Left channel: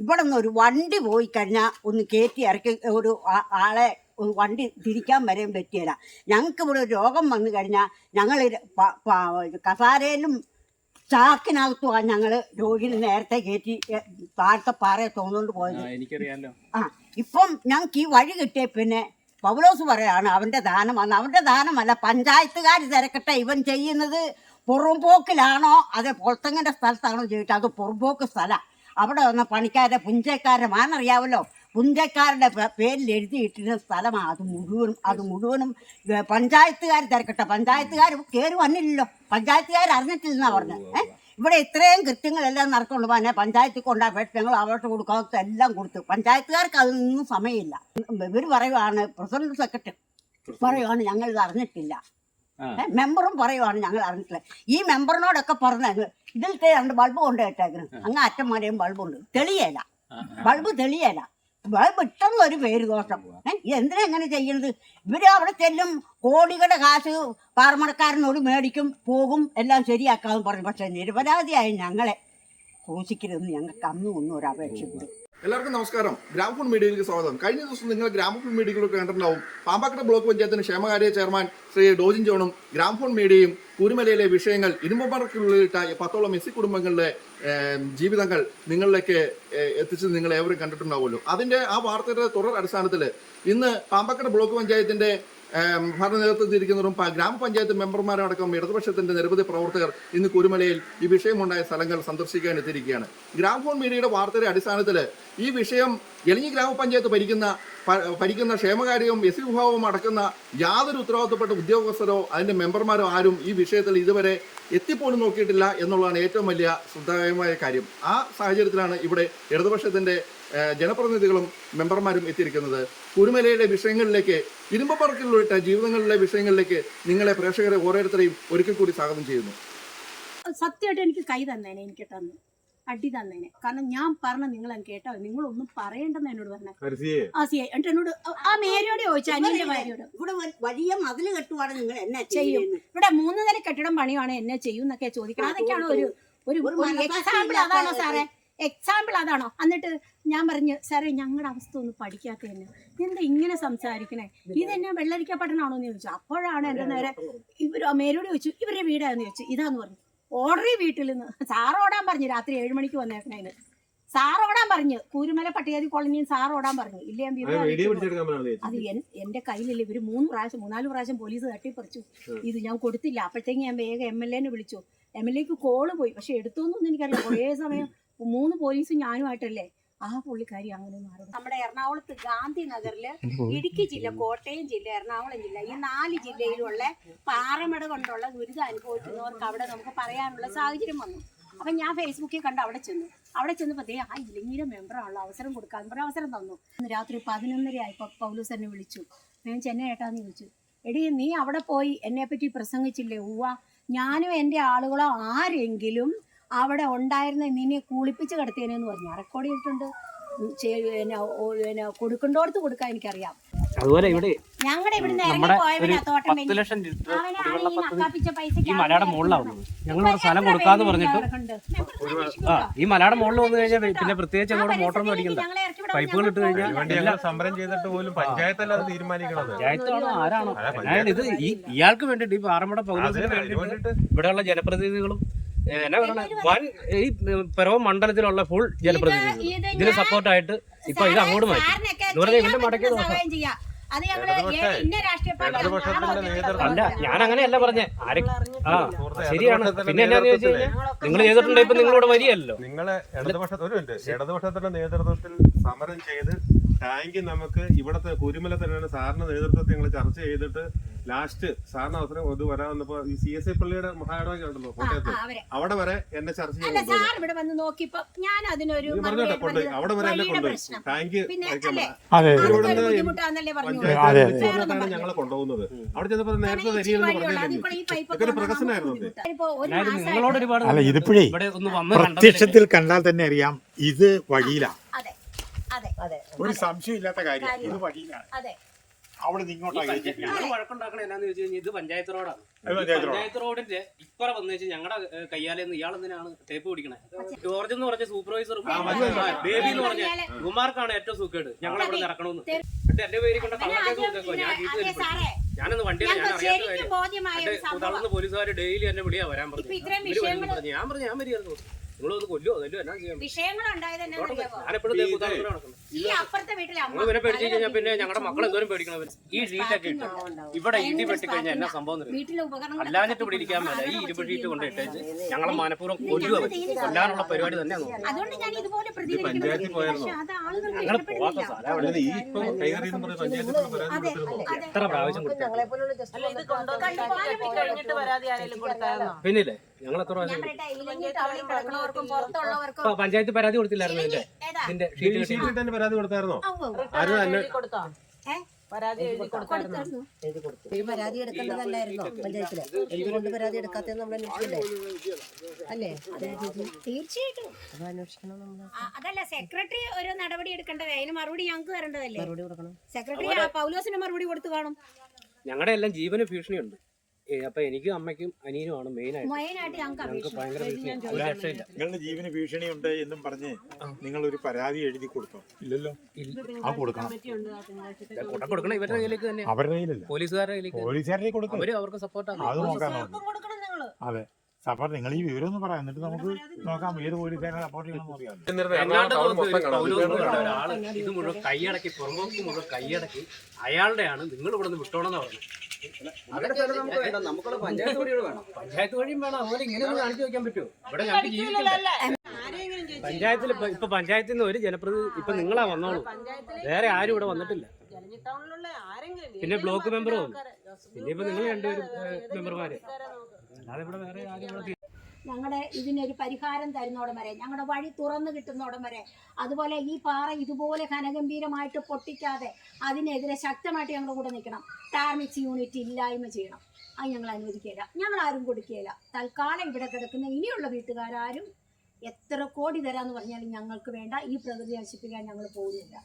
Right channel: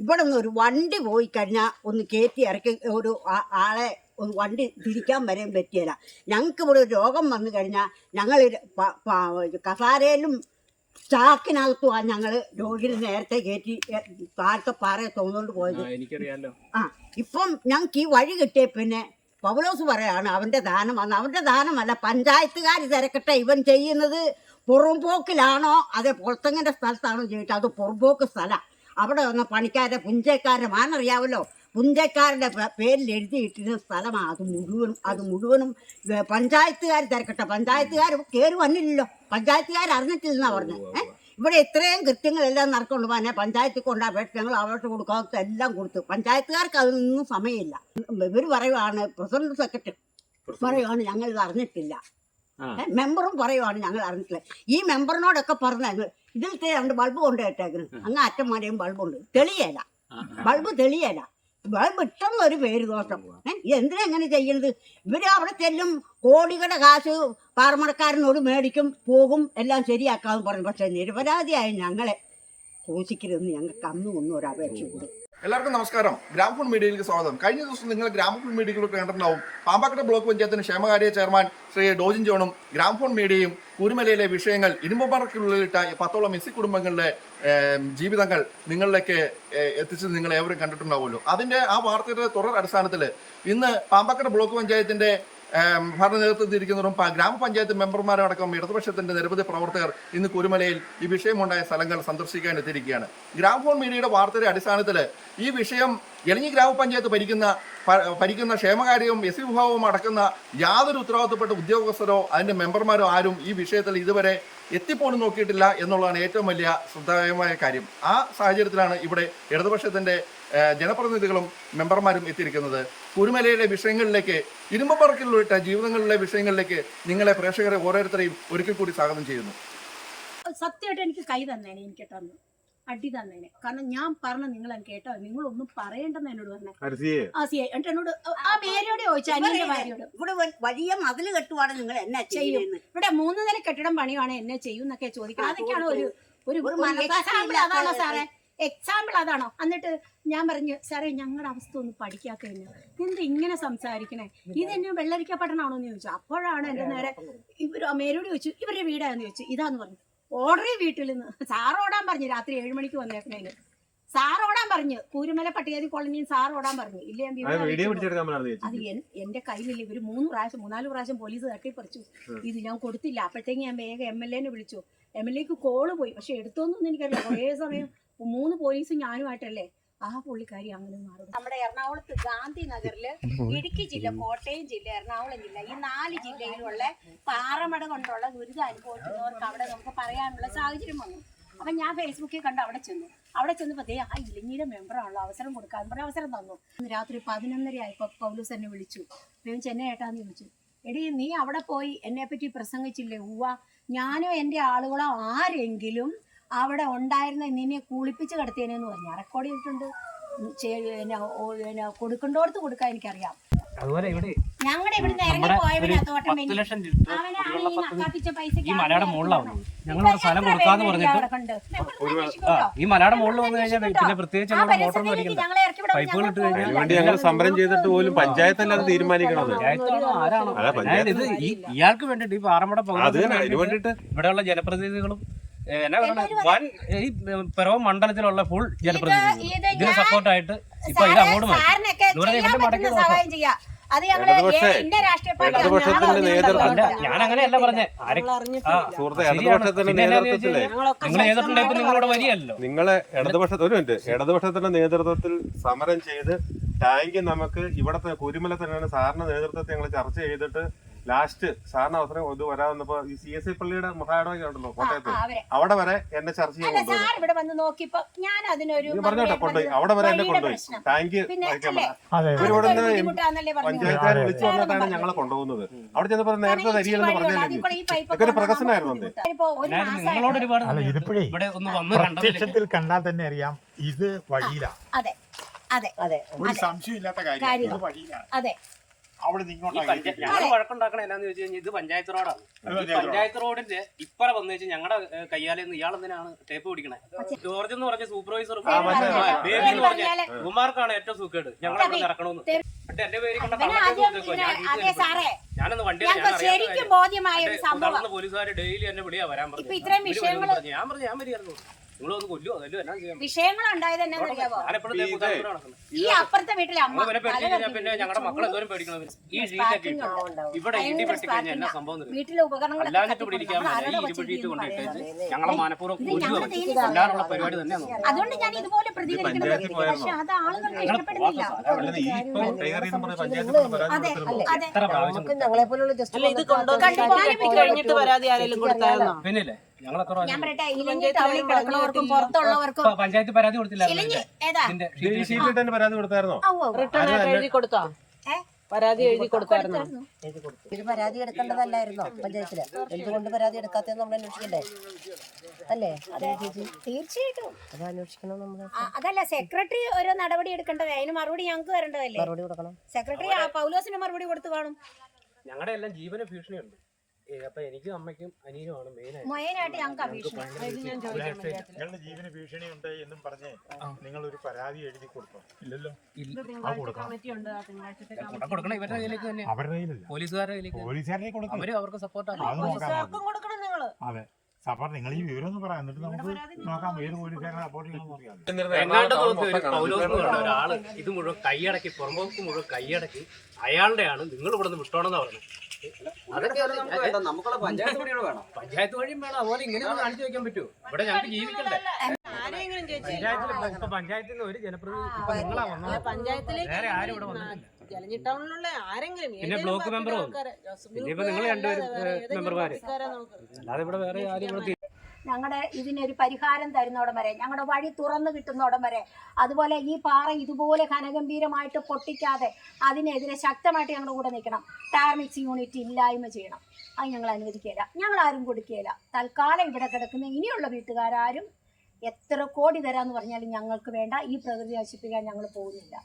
ഇവിടെ നിന്ന് ഒരു വണ്ടി പോയി കഴിഞ്ഞാൽ ഒന്ന് കയറ്റി ഇറക്കി ഒരു ആളെ വണ്ടി തിരിക്കാൻ വരെയും പറ്റിയില്ല. ഞങ്ങൾക്ക് ഇവിടെ ഒരു രോഗം വന്നു കഴിഞ്ഞാൽ ഞങ്ങൾ കസാരയിലും ചാക്കിനകത്തുമാണ് ഞങ്ങൾ രോഗിനെ നേരത്തെ കയറ്റി താഴത്തെ പാറയെ തോന്നുകൊണ്ട് പോയത്. എനിക്കറിയാലോ. ഇപ്പം ഞങ്ങൾക്ക് ഈ വഴി കിട്ടിയ പിന്നെ പൗലോസ് പറയാണ് അവൻ്റെ ദാനമാണ്. അവൻ്റെ ദാനമല്ല, പഞ്ചായത്തുകാർ തിരക്കട്ടെ ഇവൻ ചെയ്യുന്നത് പുറംപോക്കിലാണോ അതേ പൊളത്തങ്ങൻ്റെ സ്ഥലത്താണോ ചോദിച്ചത്. അത് പുറംപോക്ക് സ്ഥലമാണ്. അവിടെ വന്ന പണിക്കാരുടെ പുഞ്ചക്കാരുടെ മാനറിയാമല്ലോ, പുഞ്ചക്കാരുടെ പേരിൽ എഴുതിയിട്ടിരുന്ന സ്ഥലമാണ്. അത് മുഴുവനും പഞ്ചായത്തുകാർ തിരക്കട്ടെ. പഞ്ചായത്തുകാർ കയറി വന്നില്ലല്ലോ, പഞ്ചായത്തുകാർ അറിഞ്ഞിട്ടില്ലെന്നാണ് പറഞ്ഞത്. ഇവിടെ ഇത്രയും കൃത്യങ്ങളെല്ലാം നടക്കുള്ളൂ. പിന്നെ പഞ്ചായത്തിൽ കൊണ്ടാൽ ഞങ്ങൾ അവർക്ക് കൊടുക്കാത്ത എല്ലാം കൊടുത്തു. പഞ്ചായത്തുകാർക്ക് അതൊന്നും സമയമില്ല. ഇവർ പറയുവാണ്, പ്രസിഡന്റ് സെക്രട്ടറി പറയുവാണ് ഞങ്ങളിത് അറിഞ്ഞിട്ടില്ല, മെമ്പറും പറയുവാണ് ഞങ്ങൾ അറിഞ്ഞിട്ടില്ല. ഈ മെമ്പറിനോടൊക്കെ പറഞ്ഞ ഇതിലത്തെ 2 ബൾബ് കൊണ്ടുപോയിട്ടേക്കണം, അങ്ങ് അറ്റം വരെയും ബൾബുണ്ട്, തെളിയല, ബൾബ് തെളിയല, ബൾബ് ഇട്ടെന്ന് ഒരു പേര് ദോഷം. എന്തിനാ എങ്ങനെ ചെയ്യുന്നത്? ഇവര് അവിടെ ചെല്ലും, കോടികളുടെ കാശ് പാറമടക്കാരനോട് മേടിക്കും, പോകും, എല്ലാം ശരിയാക്കാമെന്ന് പറഞ്ഞു. പക്ഷെ നിരപരാധിയായി ഞങ്ങളെ ഘോഷിക്കരുതെന്ന് ഞങ്ങൾക്ക് ഒന്നും ഒരു അപേക്ഷയുണ്ട്. എല്ലാവർക്കും നമസ്കാരം. ഗ്രാമഫോൺ മീഡിയയിലേക്ക് സ്വാഗതം. കഴിഞ്ഞ ദിവസം നിങ്ങൾ ഗ്രാമഫോൺ മീഡിയയിലൊക്കെ കണ്ടിട്ടുണ്ടാവും. പാമ്പാക്കട ബ്ലോക്ക് പഞ്ചായത്തിന് ക്ഷേമകാര്യ ചെയർമാൻ ശ്രീ ഡോജിൻ ജോണും ഗ്രാമഫോൺ മീഡിയയും കുരുമലയിലെ വിഷയങ്ങൾ, ഇരുമ്പുപാറയ്ക്കുള്ളിലിട്ട 10ഓളം എസ്സി കുടുംബങ്ങളുടെ ജീവിതങ്ങൾ നിങ്ങളിലേക്ക് എത്തിച്ചത് നിങ്ങൾ ഏവരും കണ്ടിട്ടുണ്ടാവുമല്ലോ. അതിന്റെ ആ വാർത്തയുടെ തുടർ അടിസ്ഥാനത്തിൽ ഇന്ന് പാമ്പാക്കട ബ്ലോക്ക് പഞ്ചായത്തിന്റെ ഭരണ നേതൃത്വത്തിരിക്കുന്നവരും ഗ്രാമപഞ്ചായത്ത് മെമ്പർമാരടക്കം ഇടതുപക്ഷത്തിന്റെ നിരവധി പ്രവർത്തകർ ഇന്ന് കുരുമലയിൽ ഈ വിഷയമുണ്ടായ സ്ഥലങ്ങൾ സന്ദർശിക്കാൻ എത്തിയിരിക്കുകയാണ്. ഗ്രാമഫോൺ മീഡിയയുടെ വാർത്തയുടെ അടിസ്ഥാനത്തിൽ ഈ വിഷയം എലഞ്ഞി ഗ്രാമപഞ്ചായത്ത് ഭരിക്കുന്ന ക്ഷേമകാര്യവും എസ് വിഭാഗവും അടക്കുന്ന യാതൊരു ഉത്തരവാദിത്തപ്പെട്ട ഉദ്യോഗസ്ഥരോ അതിന്റെ മെമ്പർമാരോ ആരും ഈ വിഷയത്തിൽ ഇതുവരെ എത്തിപ്പോലും നോക്കിയിട്ടില്ല എന്നുള്ളതാണ് ഏറ്റവും വലിയ ശ്രദ്ധേയമായ കാര്യം. ആ സാഹചര്യത്തിലാണ് ഇവിടെ ഇടതുപക്ഷത്തിന്റെ ജനപ്രതിനിധികളും മെമ്പർമാരും എത്തിയിരിക്കുന്നത്. കുരുമലയിലെ വിഷയങ്ങളിലേക്ക്, ഇരുമ്പുപാറയ്ക്കുള്ളിട്ട ജീവിതങ്ങളിലെ വിഷയങ്ങളിലേക്ക് നിങ്ങളെ പ്രേക്ഷകരെ ഓരോരുത്തരെയും ഒരിക്കൽ കൂടി സ്വാഗതം ചെയ്യുന്നു. സത്യമായിട്ട് എനിക്ക് കൈ തന്നേനെ, എനിക്ക് തന്നു അടി തന്നേനെ. കാരണം ഞാൻ പറഞ്ഞ നിങ്ങൾ കേട്ടോ, നിങ്ങളൊന്നും പറയണ്ടെന്ന് എന്നോട് പറഞ്ഞു. എന്നിട്ട് എന്നോട് ആ മേരിയോട് ചോദിച്ചു, അനിയന്റെ ഭാര്യയോട്, ഇവിടെ വലിയ മതിൽ കെട്ടുവാണ് നിങ്ങൾ എന്നാ ചെയ്യും, ഇവിടെ 3 നില കെട്ടിടം പണിയാണ് എന്നെ ചെയ്യും എന്നൊക്കെ ചോദിക്കണം. അതൊക്കെയാണ് ഒരു എക്സാമ്പിൾ. അതാണോ സാറേ? എക്സാമ്പിൾ അതാണോ? എന്നിട്ട് ഞാൻ പറഞ്ഞു, സാറേ ഞങ്ങളുടെ അവസ്ഥ ഒന്ന് പഠിക്കാത്ത തന്നെ, എന്താ ഇങ്ങനെ സംസാരിക്കണേ, ഇതെന്നെ വെള്ളരിക്ക പട്ടണമാണോ എന്ന് ചോദിച്ചു. അപ്പോഴാണ് എൻ്റെ നേരെ മേരോട് ചോദിച്ചു, ഇവരുടെ വീടാന്ന് ചോദിച്ചു. ഇതാന്ന് പറഞ്ഞു. ഓർഡറി വീട്ടിൽ നിന്ന് സാറ് ഓടാൻ പറഞ്ഞു. രാത്രി 7 മണിക്ക് വന്നേക്കണേന് സാറ് ഓടാൻ പറഞ്ഞു. കൂരുമല പട്ടികജാതി കോളനിയിൽ സാറ് ഓടാൻ പറഞ്ഞു. ഇല്ലേ അത് എന്റെ കയ്യിലില്ല. ഇവര് 3-4 പ്രാവശ്യം പോലീസ് തട്ടിപ്പറിച്ചു. ഇത് ഞാൻ കൊടുത്തില്ല. അപ്പോഴത്തേക്ക് ഞാൻ വേഗം MLA വിളിച്ചു. MLAക്ക് കോള് പോയി, പക്ഷെ എടുത്തോന്നൊന്നും എനിക്കറിയാം. കുറേ സമയം 3 പോലീസും ഞാനുമായിട്ടല്ലേ ആ പുള്ളിക്കാരി അങ്ങനെ മാറി. നമ്മുടെ എറണാകുളത്ത് ഗാന്ധി നഗറില്, ഇടുക്കി ജില്ല, കോട്ടയം ജില്ല, എറണാകുളം ജില്ല, ഈ 4 ജില്ലയിലുള്ള പാറമട കൊണ്ടുള്ള ദുരിതം അനുഭവിക്കുന്നവർക്ക് അവിടെ നമുക്ക് പറയാനുള്ള സാഹചര്യം വന്നു. അപ്പം ഞാൻ ഫേസ്ബുക്കിൽ കണ്ട് അവിടെ ചെന്നപ്പോൾ ആ ഇലഞ്ഞിയുടെ മെമ്പറാണല്ലോ, അവസരം കൊടുക്കാൻ പറഞ്ഞ അവസരം തന്നു. രാത്രി 11:30 ആയപ്പോൾ പൗലോസ് എന്നെ വിളിച്ചു. ഞാൻ ചെന്നൈ ഏട്ടാന്ന് ചോദിച്ചു, എടീ നീ അവിടെ പോയി എന്നെപ്പറ്റി പ്രസംഗിച്ചില്ലേ? ഞാനും എൻ്റെ ആളുകളോ ആരെങ്കിലും അവിടെ ഉണ്ടായിരുന്ന നിന്നെ കുളിപ്പിച്ച് കിടത്തിയെന്ന് പറഞ്ഞു. റെക്കോർഡ് ചെയ്തിട്ടുണ്ട്. കൊടുക്കണ്ടോടത്ത് കൊടുക്കാൻ എനിക്കറിയാം. അതുപോലെ ഇവിടെ ഞങ്ങളുടെ ഇവിടുന്ന് ഇറങ്ങി പോയവനത്തോട്ടം ഈ മലയുടെ മുകളിലാവുന്നത് ഞങ്ങൾ സ്ഥലം കൊടുക്കാന്ന് പറഞ്ഞിട്ട് ഈ മലയുടെ മുകളിൽ വന്നു കഴിഞ്ഞാൽ പിന്നെ പ്രത്യേകിച്ച് ഞങ്ങളുടെ മോട്ടറൊന്നും അടിക്കണ്ട, പൈപ്പുകൾ ഇട്ട് കഴിഞ്ഞാൽ സമരം ചെയ്തിട്ട് പോലും പഞ്ചായത്തല്ലാതെ തീരുമാനിക്കണം. പഞ്ചായത്താണോ ആരാണോ? അതായത് ഇത് ഇയാൾക്ക് വേണ്ടിട്ട് ഈ പാറമട പൗലോസിന് വേണ്ടിയിട്ട് ഇവിടെയുള്ള ജനപ്രതിനിധികളും എന്നാ പറയണ ഈ പിറവം മണ്ഡലത്തിലുള്ള ഫുൾ ജനപ്രതിനിധികൾ ഇതിന് സപ്പോർട്ടായിട്ട് ഇപ്പൊ ഇത് അങ്ങോട്ട് മാറ്റി എന്ന് പറഞ്ഞാൽ ഇവന്റെ മടക്കിയ ദോഷം അല്ല. ഞാൻ അങ്ങനെയല്ല പറഞ്ഞേ. ശരിയാണ്. പിന്നെ എന്നാന്ന് ചോദിച്ചു കഴിഞ്ഞാൽ നിങ്ങൾ ചെയ്തിട്ടുണ്ട്. ഇപ്പൊ നിങ്ങളിവിടെ വരികയല്ലോ. നിങ്ങളെ ഇടതുപക്ഷത്തിന്റെ നേതൃത്വത്തിൽ സമരം ചെയ്ത് ടാങ്ക് നമുക്ക് ഇവിടത്തെ കുരുമല തന്നെയാണ് സാറിന്റെ നേതൃത്വത്തിൽ ഞങ്ങൾ ചർച്ച ചെയ്തിട്ട് ലാസ്റ്റ് സാറിന് അവസരം ഇത് വരാവുന്നപ്പോ ഈ CSI പള്ളിയുടെ മഹായിടമൊക്കെ ഉണ്ടല്ലോ കോട്ടയത്ത്, അവിടെ വരെ എന്നെ ചർച്ച ചെയ്യാൻ അവിടെ വരെ എന്നെ കൊണ്ടുപോയി. ടാങ്ക് പഞ്ചായത്ത് വിളിച്ചു പറഞ്ഞിട്ടാണ് ഞങ്ങളെ കൊണ്ടുപോകുന്നത്. അവിടെ ചെന്നപ്പോ നേരത്തെ തരികയെന്ന് പറഞ്ഞിട്ട് പ്രകസനമായിരുന്നു. ഇതിപ്പോഴേ പ്രത്യക്ഷത്തിൽ കണ്ടാൽ തന്നെ അറിയാം ഇത് വഴിയിലാണ്. ഒരു സംശയമില്ലാത്ത കാര്യം, ഇത് വഴിയിലാണ്. അവിടെ നിന്ന് ഇങ്ങോട്ടാക്കി ഞങ്ങൾ വഴക്കുണ്ടാക്കണ എന്നാന്ന് ചോദിച്ചു കഴിഞ്ഞാൽ ഇത് പഞ്ചായത്ത് റോഡാണ്. പഞ്ചായത്ത് റോഡിന്റെ ഇപ്പറ വന്നു വെച്ചാൽ ഞങ്ങളുടെ കയ്യാലെന്ന് ഇയാളെന്തിനാണ് ടേപ്പ് പിടിക്കണേ? ജോർജ് എന്ന് പറഞ്ഞ സൂപ്പർവൈസറും ബേബി എന്ന് പറഞ്ഞ കുമാർക്കാണ് ഏറ്റവും സുഖേട് ഞങ്ങളെ ഇവിടെ ഇറക്കണമെന്ന്. എന്നിട്ട് എന്റെ പേര് കൊണ്ട് കള്ളക്കേസ് കൊടുത്തേക്കോ. ഞാൻ ജീപ്പ് ഞാനൊന്ന് വണ്ടിയില്ല, ഞാൻ അറിയാത്ത കാര്യം. തളർന്ന് പോലീസുകാർ ഡെയിലി എന്നെ വിളിയാ വരാൻ പറഞ്ഞു. ഇവര് വരുമെന്ന് പറഞ്ഞു. ഞാൻ വരികയായിരുന്നു. നിങ്ങളൊന്ന് കൊല്ലുവോ അതല്ലോ എന്നാ ചെയ്യാൻ? ഞാനെപ്പോഴും നടക്കുന്നത്. ഞങ്ങൾ പിന്നെ പേടിച്ചു കഴിഞ്ഞാൽ പിന്നെ ഞങ്ങളുടെ മക്കൾ എന്തോരം പേടിക്കണം. ഈ ഷീറ്റൊക്കെ ഇവിടെ ഇടി പെട്ടിക്കഴിഞ്ഞാൽ എന്നാ സംഭവം അല്ലാഞ്ഞിട്ട് ഇവിടെ ഇരിക്കാൻ മേല. ഈ ഇരുമ്പ് ഷീറ്റ് കൊണ്ട് ഇട്ടേച്ച് ഞങ്ങളെ മനഃപൂർവ്വം കൊല്ലുക കൊല്ലാനുള്ള പരിപാടി തന്നെയാണ്. പഞ്ചായത്തിൽ പോയായിരുന്നോ? ഞങ്ങൾ പോവാത്ത സ്ഥലം ഈ ഇപ്പൊ കൈകറിയെന്ന് പറഞ്ഞ പഞ്ചായത്തിൽ പരാതി കൊടുത്തിരുന്നോ? എത്ര പ്രാവശ്യം പിന്നില്ലേ ഞങ്ങൾ എത്ര പഞ്ചായത്ത് പരാതി കൊടുത്തില്ലായിരുന്നു ഇതിന്റെ ഷീറ്റിൽ തന്നെ പരാതി കൊടുത്തായിരുന്നോ? ഇത് പരാതി എടുക്കേണ്ടതല്ലായിരുന്നോ പഞ്ചായത്തില്? എന്തുകൊണ്ട് പരാതി എടുക്കാത്തതെന്ന് നമ്മൾ അന്വേഷിക്കണ്ടേ? അല്ലേ? തീർച്ചയായിട്ടും അത് അന്വേഷിക്കണം നമ്മള്. അതല്ല സെക്രട്ടറി ഓരോ നടപടി എടുക്കേണ്ടത്, അതിന് മറുപടി ഞങ്ങൾക്ക് വരേണ്ടതല്ലേ? മറുപടി കൊടുക്കണം. സെക്രട്ടറി പൗലോസിന് മറുപടി കൊടുത്തു കാണും. ഞങ്ങളുടെ എല്ലാം ജീവന് ഭീഷണിയുണ്ട്. അപ്പൊ എനിക്കും അമ്മയ്ക്കും അനിയനുമാണ് മെയിനായിട്ട് ഞങ്ങൾക്ക് അപേക്ഷ. നിങ്ങളുടെ ജീവന് ഭീഷണിയുണ്ട് എന്നും പറഞ്ഞ് നിങ്ങൾ ഒരു പരാതി എഴുതി കൊടുത്തോ? ഇല്ലല്ലോ. കൊടുക്കണം ഇവരുടെ കയ്യിലേക്ക് തന്നെ, അവരുടെ കയ്യിലല്ല, പോലീസുകാരുടെ കയ്യിലേക്ക് കൊടുക്കും. അവര് അവർക്ക് സപ്പോർട്ടാണ്. അത് നോക്കാൻ അതെ സപ്പോർട്ട്. നിങ്ങൾ ഈ വിവരം ഒന്ന് പറയാം, എന്നിട്ട് നമുക്ക് നോക്കാം ഏത് പോലീസുകാരെ സപ്പോർട്ട് ചെയ്യണമെന്ന് അറിയാം. ഒരാള് ഇത് മുഴുവൻ കൈയടക്കി, പുറമ്പോക്ക് മുഴുവൻ കൈയടക്കി അയാളുടെയാണ് നിങ്ങൾ ഇവിടെ നിന്ന് വിട്ടോണെന്നാ പറഞ്ഞത്. പഞ്ചായത്ത് വഴിയും വേണം. അതുപോലെ ഇങ്ങനെയൊന്നും കാണിച്ചു വെക്കാൻ പറ്റുമോ? ഇവിടെ ഞങ്ങൾക്ക് ജീവിക്കണ്ടേ? പഞ്ചായത്തിൽ ഇപ്പൊ പഞ്ചായത്തിൽ നിന്ന് ഒരു ജനപ്രതിനിധി ഇപ്പൊ നിങ്ങളാ വന്നോളൂ, വേറെ ആരും ഇവിടെ വന്നിട്ടില്ല. പിന്നെ ബ്ലോക്ക് മെമ്പർ വന്നു, പിന്നെ ഇപ്പൊ നിങ്ങൾ രണ്ടുപേരും മെമ്പർമാര്, അല്ലാതെ ഇവിടെ വേറെ ആരും ഇവിടെ ഞങ്ങളുടെ ഇതിനൊരു പരിഹാരം തരുന്നോടം വരെ, ഞങ്ങളുടെ വഴി തുറന്നു കിട്ടുന്നോടം വരെ, അതുപോലെ ഈ പാറ ഇതുപോലെ ഘനഗംഭീരമായിട്ട് പൊട്ടിക്കാതെ അതിനെതിരെ ശക്തമായിട്ട് ഞങ്ങളുടെ കൂടെ നിൽക്കണം. ടാർമിക്സ് യൂണിറ്റ് ഇല്ലായ്മ ചെയ്യണം. അത് ഞങ്ങൾ അനുവദിക്കുകയില്ല, ഞങ്ങളാരും കൊടുക്കുകയില്ല. തൽക്കാലം ഇവിടെ കിടക്കുന്ന ഇനിയുള്ള വീട്ടുകാരും എത്ര കോടി തരാമെന്ന് പറഞ്ഞാലും ഞങ്ങൾക്ക് വേണ്ട. ഈ പ്രകൃതി നശിപ്പിക്കാൻ ഞങ്ങൾ പോകുന്നില്ല.